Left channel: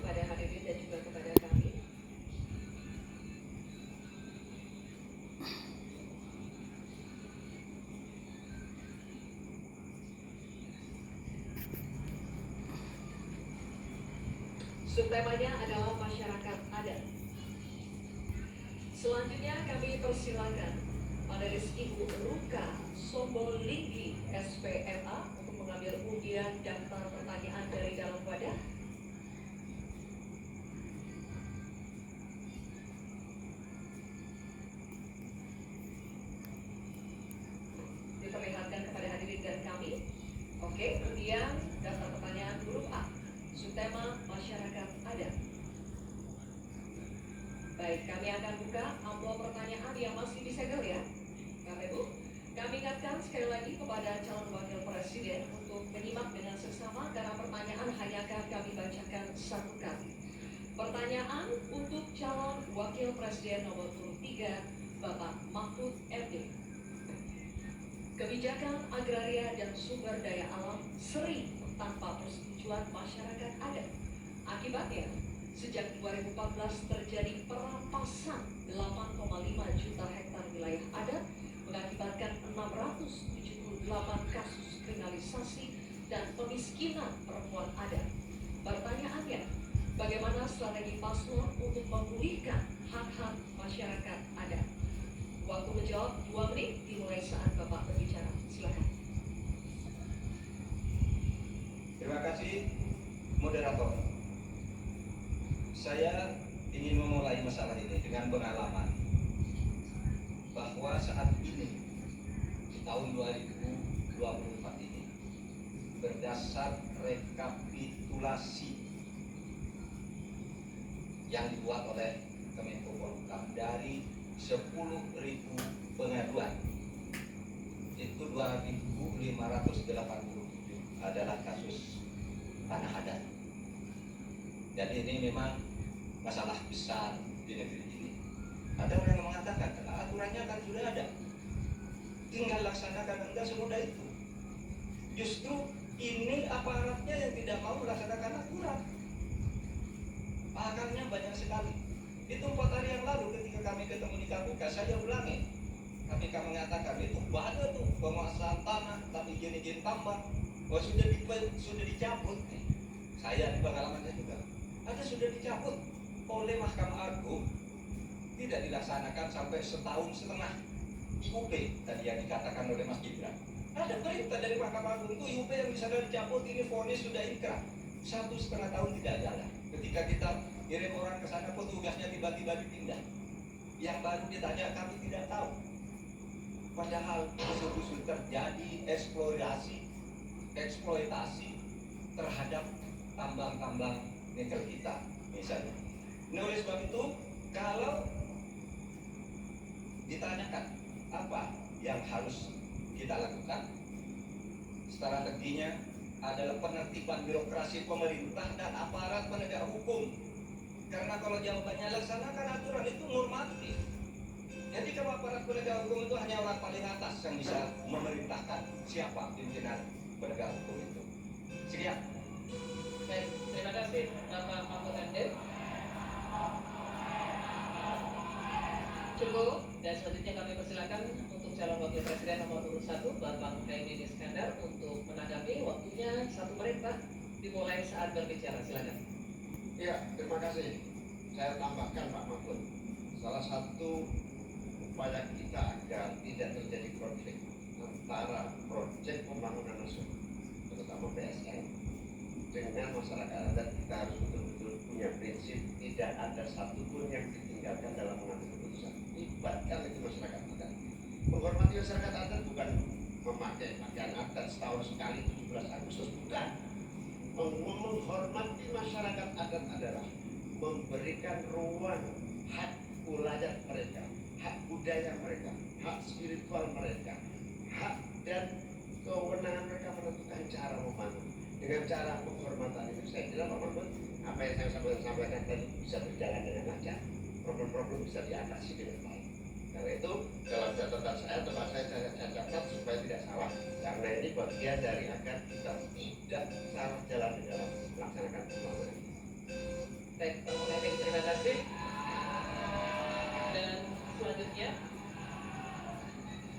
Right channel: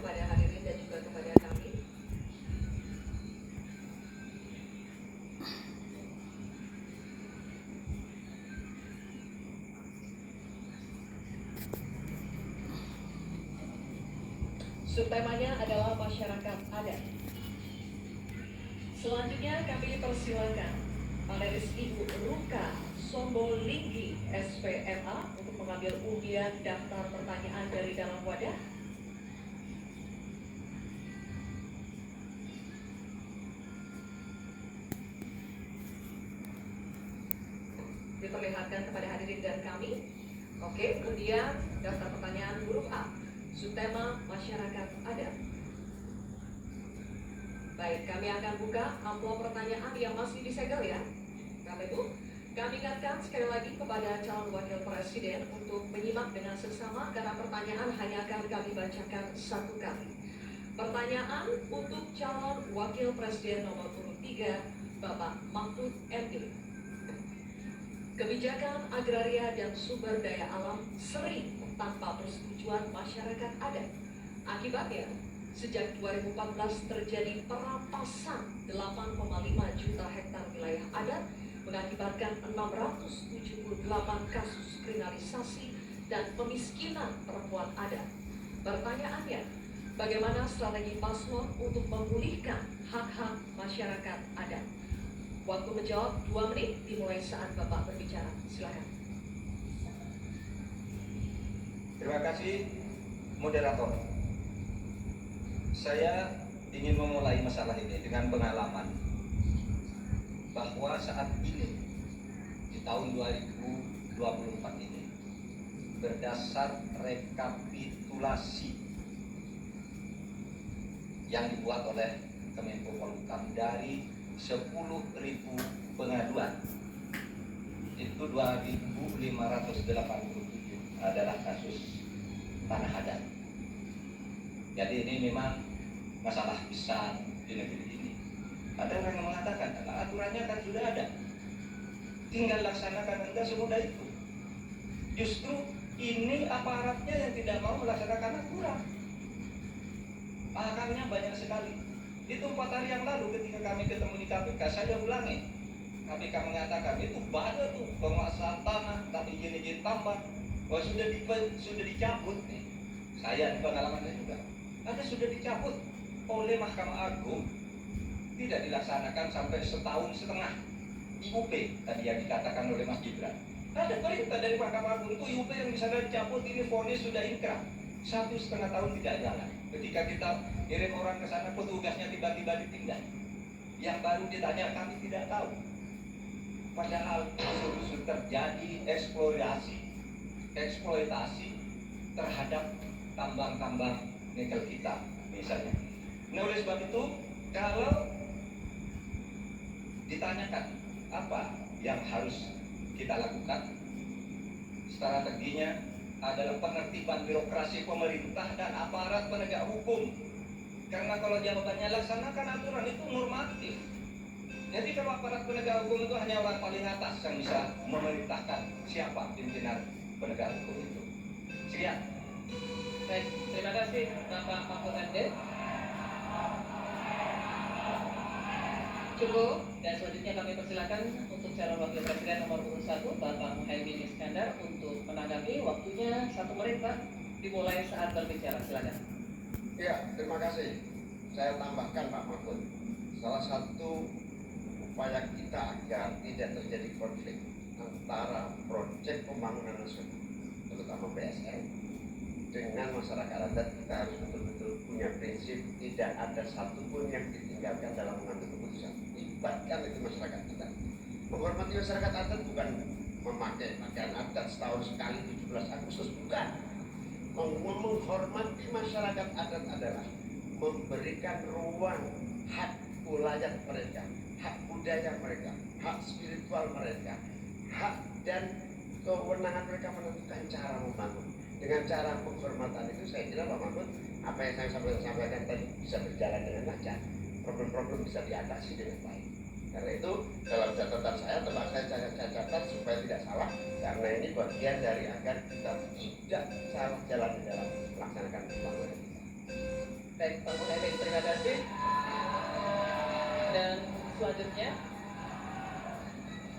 kepada hadirin dan juga kepada kami. Subtemanya adalah masyarakat adat. Selanjutnya kami persilakan panelis Ibu Ruka Sombolinggi SPMA untuk mengambil undian daftar pertanyaan dari dalam wadah. Diperlihatkan kepada hadirin dan kami. Oke, kemudian daftar pertanyaan huruf A, subtema masyarakat adat. Baik, kami akan buka amplop pertanyaan yang masih disegel ya. Bapak Ibu, kami ingatkan sekali lagi kepada calon wakil presiden untuk menyimak dengan seksama karena pertanyaan hanya akan kami bacakan satu kali. Pertanyaan untuk calon wakil presiden nomor urut 3, Bapak Mahfud MD. Kebijakan agraria dan sumber daya alam sering tanpa persetujuan masyarakat adat. Akibatnya, sejak 2014 terjadi perampasan 8,5 juta hektar wilayah adat, mengakibatkan 678 kasus kriminalisasi dan pemiskinan perempuan adat. Pertanyaannya, bagaimana strategi paslon untuk memulihkan hak-hak masyarakat adat? Waktu menjawab 2 menit dimulai saat Bapak berbicara. Silakan. Terima kasih, moderator. Saya ingin memulai masalah ini dengan pengalaman bahwa saat ini di tahun 2024 ini berdasar rekapitulasi yang dibuat oleh Kemenko Polhukam dari 10.000 pengaduan itu 2.587 adalah kasus tanah adat. Jadi ini memang masalah besar di negeri ini. Ada orang yang mengatakan aturannya kan sudah ada, tinggal laksanakan, enggak semudah itu. Justru ini aparatnya yang tidak mau melaksanakan aturan. Pakarnya banyak sekali. Itu 4 hari yang lalu ketika kami ketemu di KPK, saya ulangi. KPK mengatakan itu banyak tuh penguasaan tanah, tapi izin tambah. Oh sudah dicabut nih. Saya di pengalaman saya juga. Ada sudah dicabut oleh Mahkamah Agung, tidak dilaksanakan sampai 1,5 tahun. IUP tadi yang dikatakan oleh Mas Gibran. Ada perintah dari Mahkamah Agung itu IUP yang misalnya dicabut, ini vonis sudah inkrah. 1,5 tahun tidak jalan. Ketika kita kirim orang ke sana, petugasnya tiba-tiba ditinggal. Yang baru ditanya kami tidak tahu. Padahal usul-usul terjadi eksploitasi terhadap tambang-tambang nikel kita misalnya. Nah, oleh sebab itu, kalau ditanyakan apa yang harus kita lakukan, strateginya adalah penertiban birokrasi pemerintah dan aparat penegak hukum. Karena kalau jawabannya laksanakan aturan itu normatif. Jadi kalau aparat penegak hukum itu hanya orang paling atas yang bisa memerintahkan siapa pimpinan penegak hukum itu. Sekian. Baik, terima kasih Bapak Mahfud MD. Cukup, dan selanjutnya kami persilakan untuk calon wakil presiden nomor urut 1 Bapak Muhaimin Iskandar untuk menanggapi. Waktunya 1 menit Pak, dimulai saat berbicara. Silakan. Ya, terima kasih. Saya tambahkan Pak Mahfud, salah satu upaya kita agar tidak terjadi konflik antara proyek pembangunan nasional, terutama PSN, dengan masyarakat adat, kita harus betul-betul punya prinsip tidak ada satupun yang ditinggalkan dalam mengambil keputusan. Libatkan itu masyarakat adat. Menghormati masyarakat adat bukan memakai pakaian adat setahun sekali 17 Agustus, bukan. Menghormati masyarakat adat adalah memberikan ruang hak wilayah mereka, hak budaya mereka, hak spiritual mereka, hak dan kewenangan mereka menentukan cara membangun. Dengan cara penghormatan itu saya kira Pak Mahfud, apa yang saya sampaikan tadi bisa berjalan dengan lancar, problem-problem bisa diatasi dengan baik. Karena itu dalam catatan saya, saya catat supaya tidak salah, karena ini bagian dari agar kita tidak salah jalan di dalam melaksanakan pembangunan kita. Baik, Pak Muhammad, terima kasih. Dan selanjutnya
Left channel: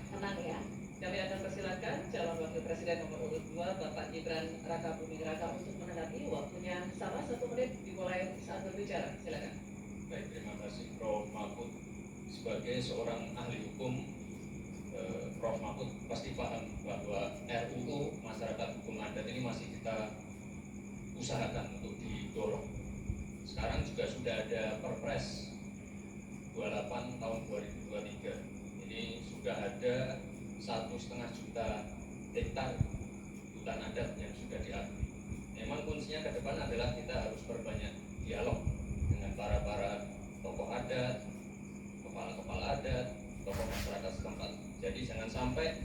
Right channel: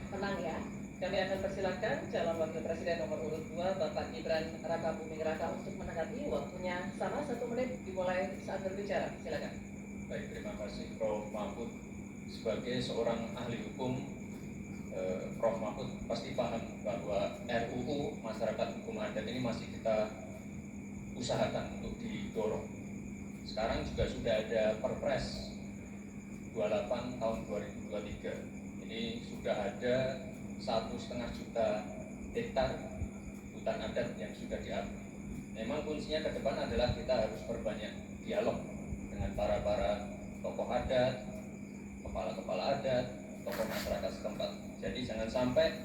Tenang ya. kami akan persilakan calon wakil presiden nomor urut 2 Bapak Gibran Raka Buming Raka untuk menanggapi. Waktunya sama 1 menit dimulai saat berbicara. Silakan. Baik, terima kasih Prof. Mahfud. Sebagai seorang ahli hukum, Prof. Mahfud pasti paham bahwa RUU Masyarakat Hukum Adat ini masih kita usahakan untuk didorong. Sekarang juga sudah ada Perpres 28 tahun 2023. Ini sudah ada 1,5 juta hektar hutan adat yang sudah diakui. Memang kuncinya ke depan adalah kita harus berbanyak dialog dengan para tokoh adat, kepala adat, tokoh masyarakat setempat. Jadi jangan sampai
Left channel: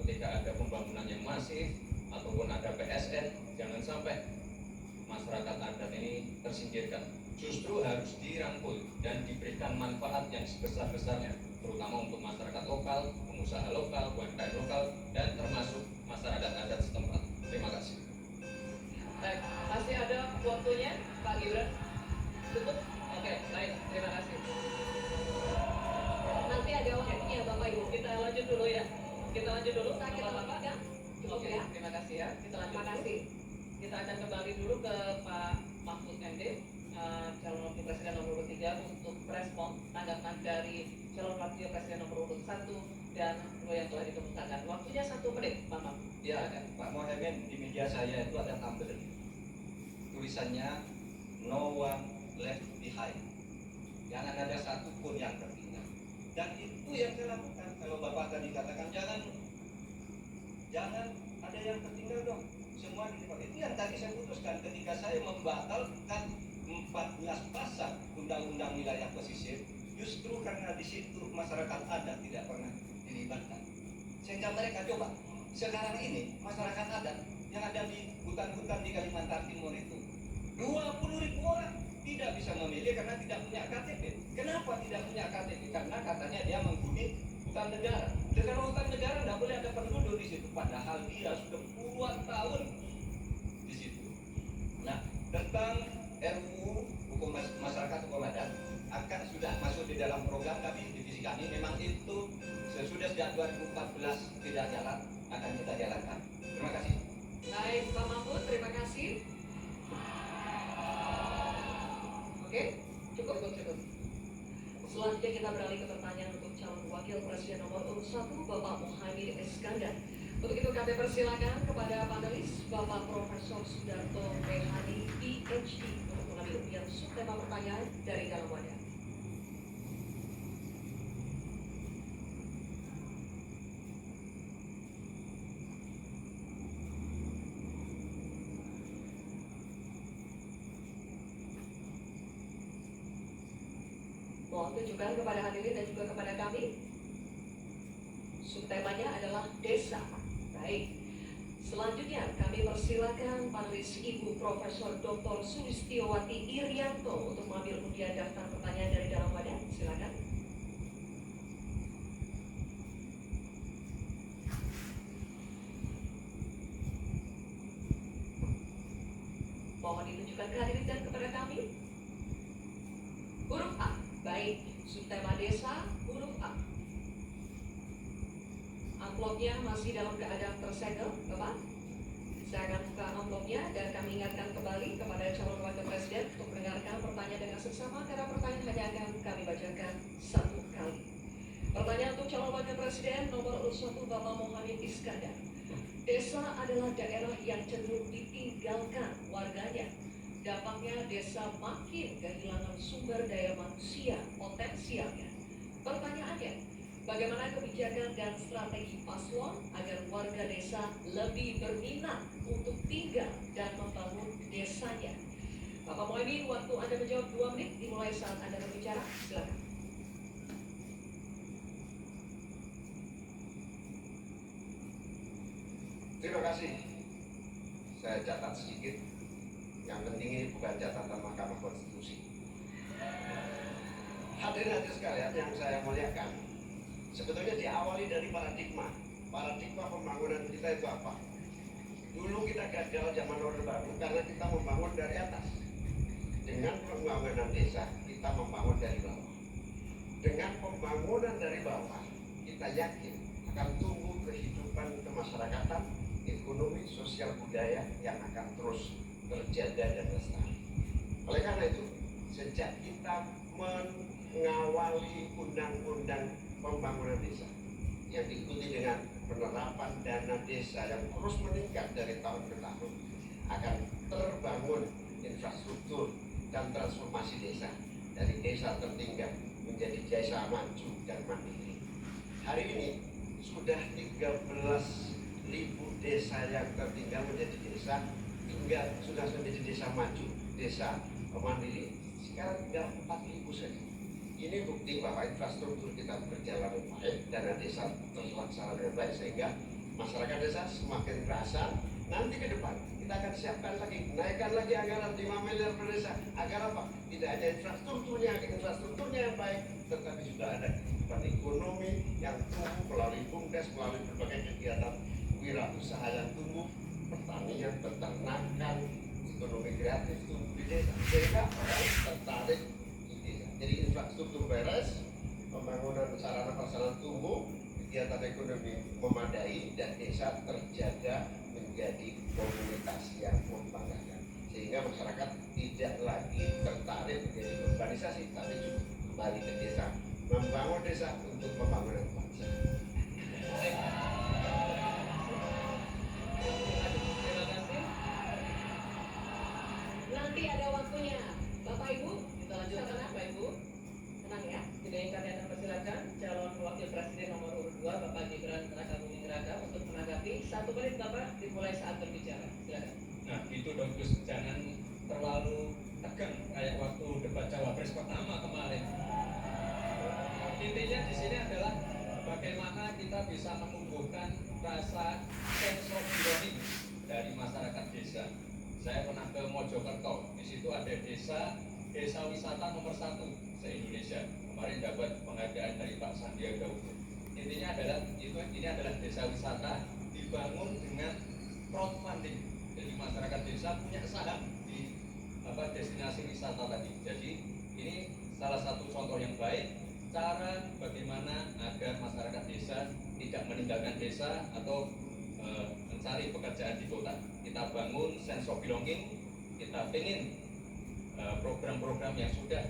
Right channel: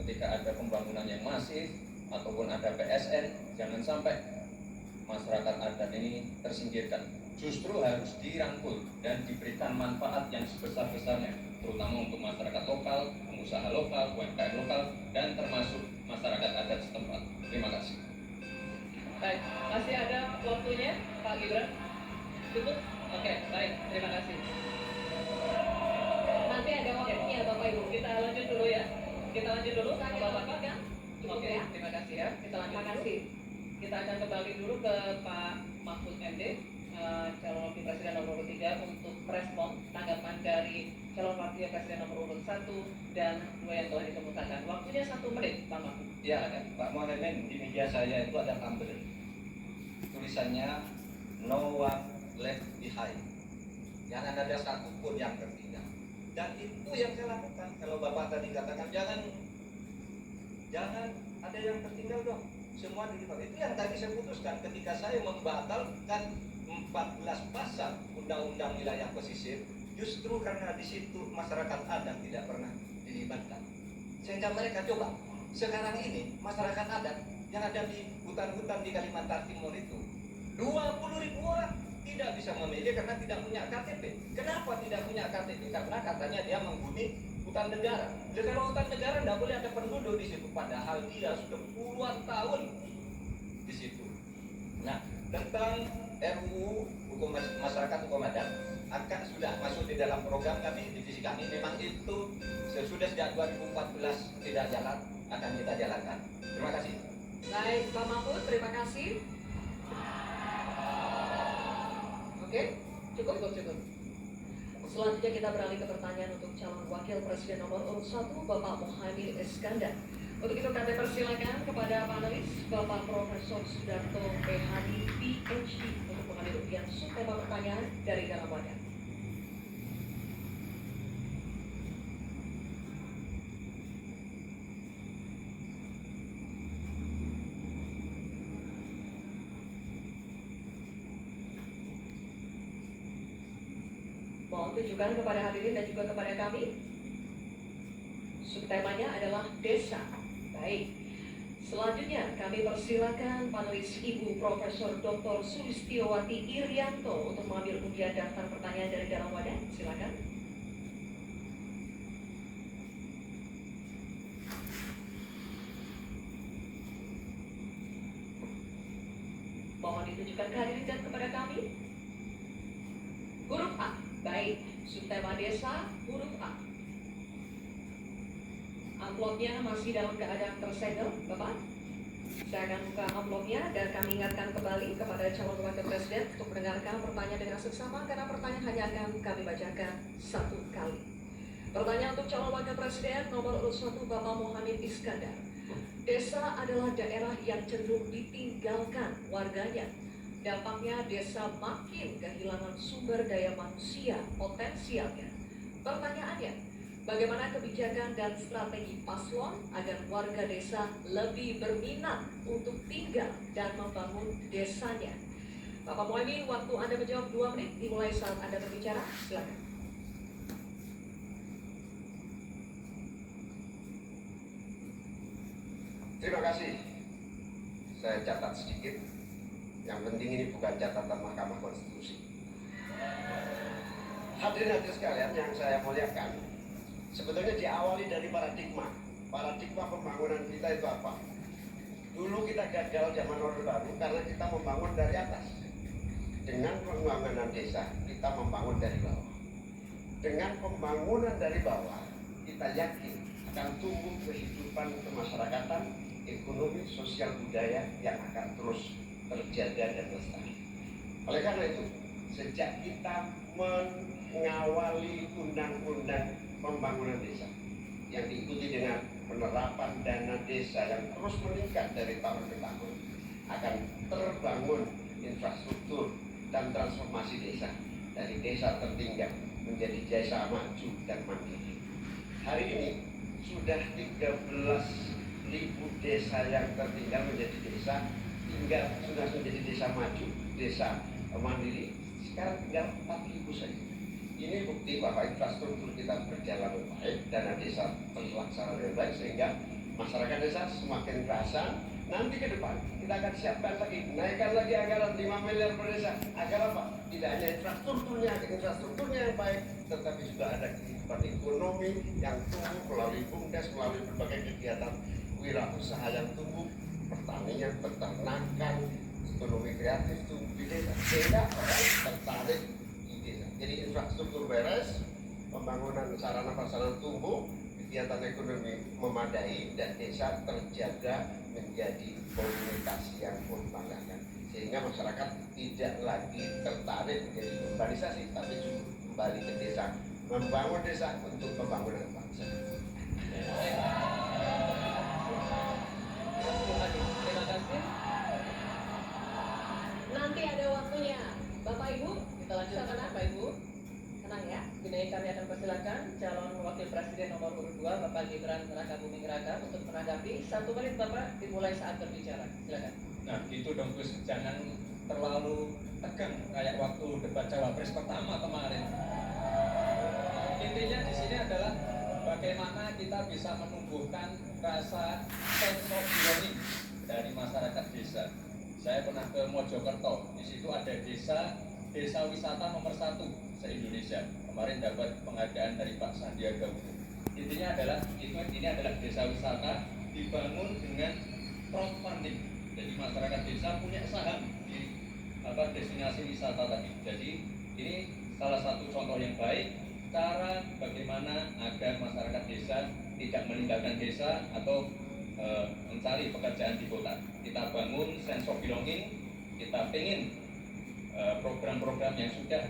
ketika ada pembangunan yang masif ataupun ada PSN, jangan sampai masyarakat adat ini tersingkirkan. Justru harus dirangkul dan diberikan manfaat yang sebesar-besarnya, terutama untuk masyarakat lokal, pengusaha lokal, UMKM lokal, dan termasuk masyarakat adat setempat. Terima kasih. Baik, masih ada waktunya, Pak Gibran? Cukup? Oke, baik, terima kasih. Masih ada waktunya Bapak Ibu. Kita lanjut dulu ya. Kita lanjut dulu. Saya Bapak-Bapak. kan? Cukup Oke, ya. terima kasih ya. Kita lanjut Terima dulu. kasih. Kita akan kembali dulu ke Pak Mahfud MD, calon wakil presiden nomor urut 3 untuk respon tanggapan dari calon wakil presiden nomor urut 1 dan 2 yang telah dikemukakan. Waktunya 1 menit, Pak Mahfud. Ya, Pak Mohamed, di media saya itu ada tumbler. Tulisannya no one left behind. Jangan ada satu pun yang tertinggal. Dan itu yang saya lakukan. Kalau Bapak tadi katakan jangan ada yang tertinggal dong. Semua dilibatkan. Itu yang tadi saya putuskan ketika saya membatalkan 14 pasal Undang-Undang Wilayah Pesisir, justru karena di situ masyarakat adat tidak pernah dilibatkan. Sehingga mereka coba sekarang ini masyarakat adat yang ada di hutan-hutan di Kalimantan Timur itu 20.000 orang tidak bisa memilih karena tidak punya KTP. Kenapa tidak punya KTP? Karena katanya dia menghuni hutan negara. Dan kalau hutan negara tidak boleh ada penduduk di situ, padahal dia sudah puluhan tahun di situ. Nah, tentang RUU Hukum Masyarakat Hukum Adat akan sudah masuk di dalam program kami, divisi kami. Memang itu sesudah sejak 2014 tidak jalan, akan kita jalankan. Terima kasih. Baik, Pak Mahfud, terima kasih. Oke, cukup. Selanjutnya kita beralih ke pertanyaan untuk calon wakil presiden nomor urut 1 Bapak Muhaimin Iskandar. Untuk itu kami persilakan kepada panelis Bapak Profesor Sudarto PhD PhD untuk mengambil ujian subtema pertanyaan dari dalam wadah. Mohon tunjukkan kepada hadirin dan juga kepada kami. Subtemanya adalah desa. Baik. Selanjutnya kami persilakan panelis Ibu Profesor Dr. Sulistiowati Irianto untuk mengambil undian daftar pertanyaan dari dalam wadah. Silakan. Mohon ditunjukkan ke hadirin dan kepada kami. Huruf A. Baik, subtema desa huruf A. Amplopnya masih dalam keadaan tersegel, Bapak. Saya akan buka amplopnya dan kami ingatkan kembali kepada calon wakil presiden untuk mendengarkan pertanyaan dengan seksama karena pertanyaan hanya akan kami bacakan 1 kali. Pertanyaan untuk calon wakil presiden nomor urut 1 Bapak Muhammad Iskandar. Desa adalah daerah yang cenderung ditinggalkan warganya. Dampaknya desa makin kehilangan sumber daya manusia potensialnya. Pertanyaannya, bagaimana kebijakan dan strategi paslon agar warga desa lebih berminat untuk tinggal dan membangun desanya? Bapak Muhaimin, waktu Anda menjawab 2 menit dimulai saat Anda berbicara. Silakan. Terima kasih. Saya catat sedikit. Yang penting ini bukan catatan Mahkamah Konstitusi. Hadirin sekalian yang saya muliakan, sebetulnya diawali dari paradigma. Paradigma pembangunan kita itu apa? Dulu kita gagal zaman Orde Baru karena kita membangun dari atas. Dengan pembangunan desa kita membangun dari bawah. Dengan pembangunan dari bawah kita yakin akan tumbuh kehidupan kemasyarakatan, ekonomi, sosial, budaya yang akan terus terjaga dan lestari. Oleh karena itu, sejak kita mengawali undang-undang pembangunan desa yang diikuti dengan penerapan dana desa yang terus meningkat dari tahun ke tahun, akan terbangun infrastruktur dan transformasi desa dari desa tertinggal menjadi desa maju dan mandiri. Hari ini sudah 13.000 desa yang tertinggal menjadi desa, hingga sudah menjadi desa maju, desa mandiri. Sekarang tinggal 4.000 saja. Ini bukti bahwa infrastruktur kita berjalan dengan baik, dana desa terlaksana dengan baik, sehingga masyarakat desa semakin terasa. Nanti ke depan kita akan siapkan lagi, naikkan lagi anggaran 5 miliar per desa. Agar apa? Tidak hanya infrastrukturnya yang baik, tetapi juga ada kehidupan ekonomi yang tumbuh melalui BUMDes, melalui berbagai kegiatan wirausaha yang tumbuh, pertanian, peternakan, ekonomi kreatif tumbuh di desa. Sehingga orang tertarik di desa. Jadi infrastruktur beres, pembangunan sarana prasarana tumbuh, kegiatan ekonomi memadai, dan desa terjaga menjadi komunikasi yang membanggakan, sehingga masyarakat tidak lagi tertarik menjadi urbanisasi, tapi juga kembali ke desa, membangun desa untuk pembangunan bangsa. Terima kasih. Nanti ada waktunya. Bapak Ibu, Kita lanjutkan Bapak Ibu. tenang ya. Kini kami akan persilakan calon wakil presiden nomor urut 2 Bapak Gibran Rakabuming Raka untuk menanggapi. 1 menit Bapak dimulai saat berbicara. Silakan. Nah gitu dong Gus, jangan terlalu tegang kayak waktu debat cawapres pertama kemarin. Intinya di sini adalah bagaimana kita bisa menumbuhkan rasa sense of belonging dari masyarakat desa. Saya pernah ke Mojokerto, di situ ada desa wisata nomor 1 se-Indonesia. Kemarin dapat penghargaan dari Pak Sandiaga Uno. Intinya adalah ini adalah desa wisata dibangun dengan crowdfunding. Jadi masyarakat desa punya saham di destinasi wisata tadi. Jadi ini salah satu contoh yang baik cara bagaimana agar masyarakat desa tidak meninggalkan desa atau mencari pekerjaan di kota. Kita bangun sense of belonging, kita ingin program-program yang sudah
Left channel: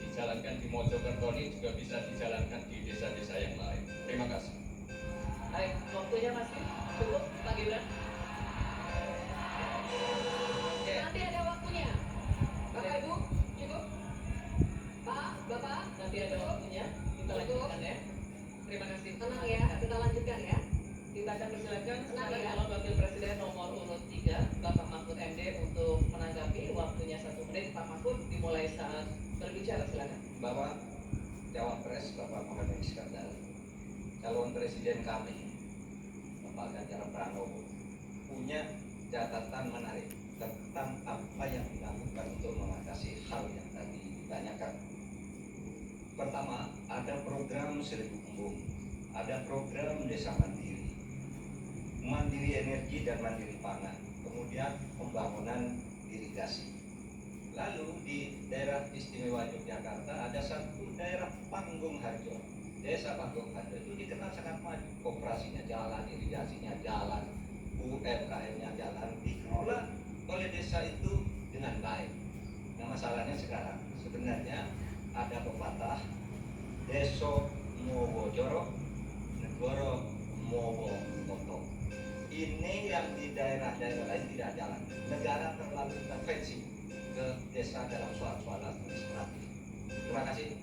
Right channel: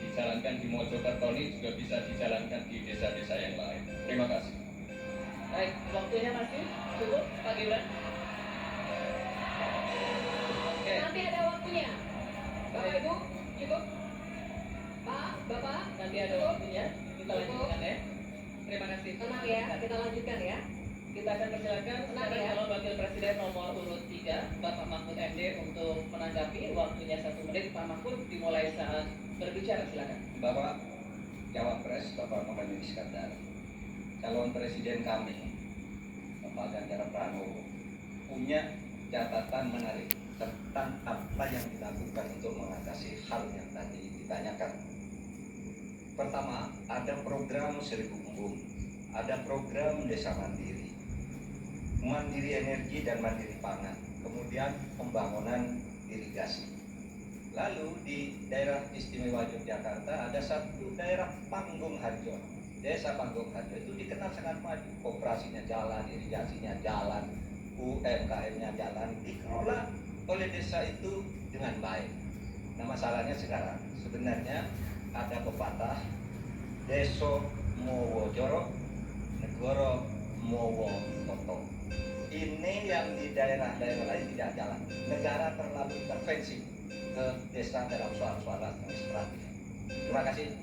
dijalankan di Mojokerto ini juga bisa dijalankan di desa-desa yang lain. Terima kasih. Baik, waktunya masih cukup Pak Gibran. Oke. Nanti ada waktunya. Bapak Ibu, cukup. Pak, Bapak, Nanti ada waktunya, kita lanjutkan ya. Terima kasih. tenang ya. Kita lanjutkan ya. Kita akan persilakan sekarang ya. calon wakil presiden nomor urut 3 Bapak Mahfud MD untuk menanggapi. Waktunya 1 menit. Pak Mahfud dimulai saat berbicara, silakan. Bapak Cawapres, Bapak Muhammad Iskandar, calon presiden kami, Bapak Ganjar Pranowo, punya catatan menarik tentang apa yang dilakukan untuk mengatasi hal yang tadi ditanyakan. Pertama, ada program 1000 embung, ada program desa mandiri, mandiri energi dan mandiri pangan, kemudian pembangunan irigasi. Lalu di daerah istimewa Yogyakarta ada satu daerah Panggung Harjo. Desa Panggung Harjo itu dikenal sangat maju, operasinya jalan, irigasinya jalan, UMKM-nya jalan, dikelola oleh desa itu dengan baik. Nah masalahnya sekarang sebenarnya ada pepatah Deso Mowo Jorok, Negoro Mowo Toto. Ini yang di daerah-daerah lain tidak jalan. Negara terlalu intervensi ke desa dalam soal-soal administratif. Terima kasih.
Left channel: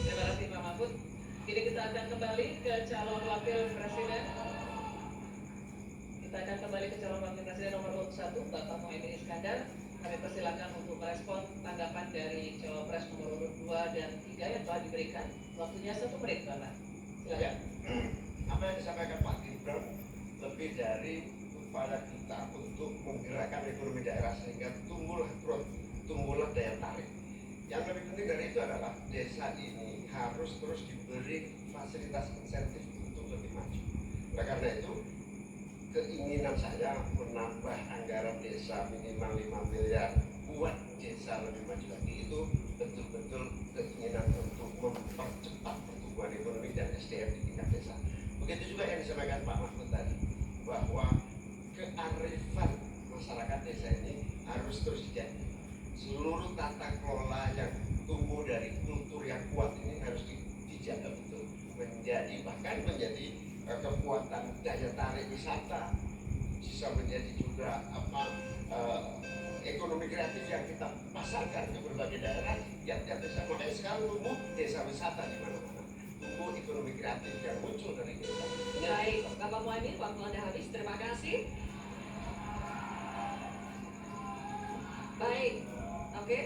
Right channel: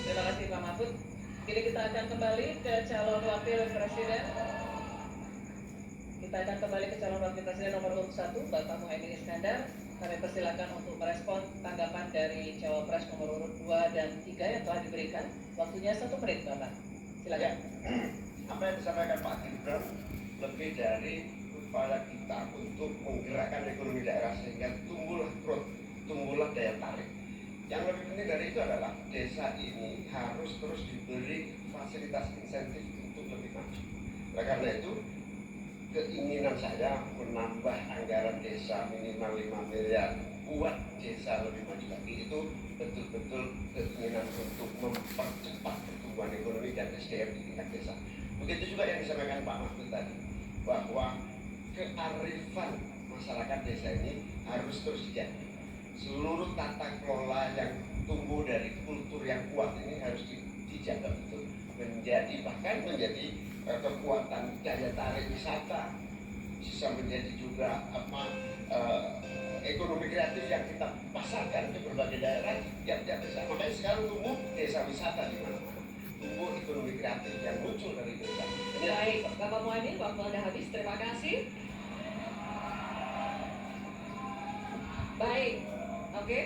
Terima kasih Pak Mahfud. Kini kita akan kembali ke calon wakil presiden. Kita akan kembali ke calon wakil presiden nomor urut 1 Bapak Muhaimin Iskandar. Kami persilakan untuk merespon tanggapan dari cawapres nomor urut 2 dan 3 yang telah diberikan. Waktunya 1 menit Bapak. Silakan. Apa yang disampaikan Pak Gibran lebih dari upaya kita untuk menggerakkan ekonomi daerah sehingga tumbuhlah daya tarik. Yang lebih penting dari itu adalah desa ini harus terus diberi fasilitas insentif untuk lebih maju. Oleh karena itu, keinginan saya menambah anggaran desa minimal 5 miliar membuat desa lebih maju lagi itu betul-betul keinginan untuk mempercepat pertumbuhan ekonomi dan SDM di tingkat desa. Begitu juga yang disampaikan Pak Mahfud tadi, bahwa kearifan masyarakat desa ini harus terus dijaga. Seluruh tata kelola yang tumbuh dari kultur yang kuat ini harus dijaga betul, bahkan menjadi kekuatan daya tarik wisata, bisa menjadi juga ekonomi kreatif yang kita pasarkan ke berbagai daerah yang tiap desa. Makanya sekarang tumbuh desa wisata di mana-mana, tumbuh ekonomi kreatif yang muncul dari desa. Baik, Bapak Muhaimin, waktu Anda habis. Terima kasih. Baik, oke.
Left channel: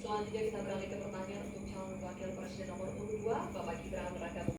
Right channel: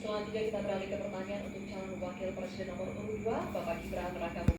Selanjutnya kita beralih ke pertanyaan untuk calon wakil presiden nomor urut 2, Bapak Gibran Raka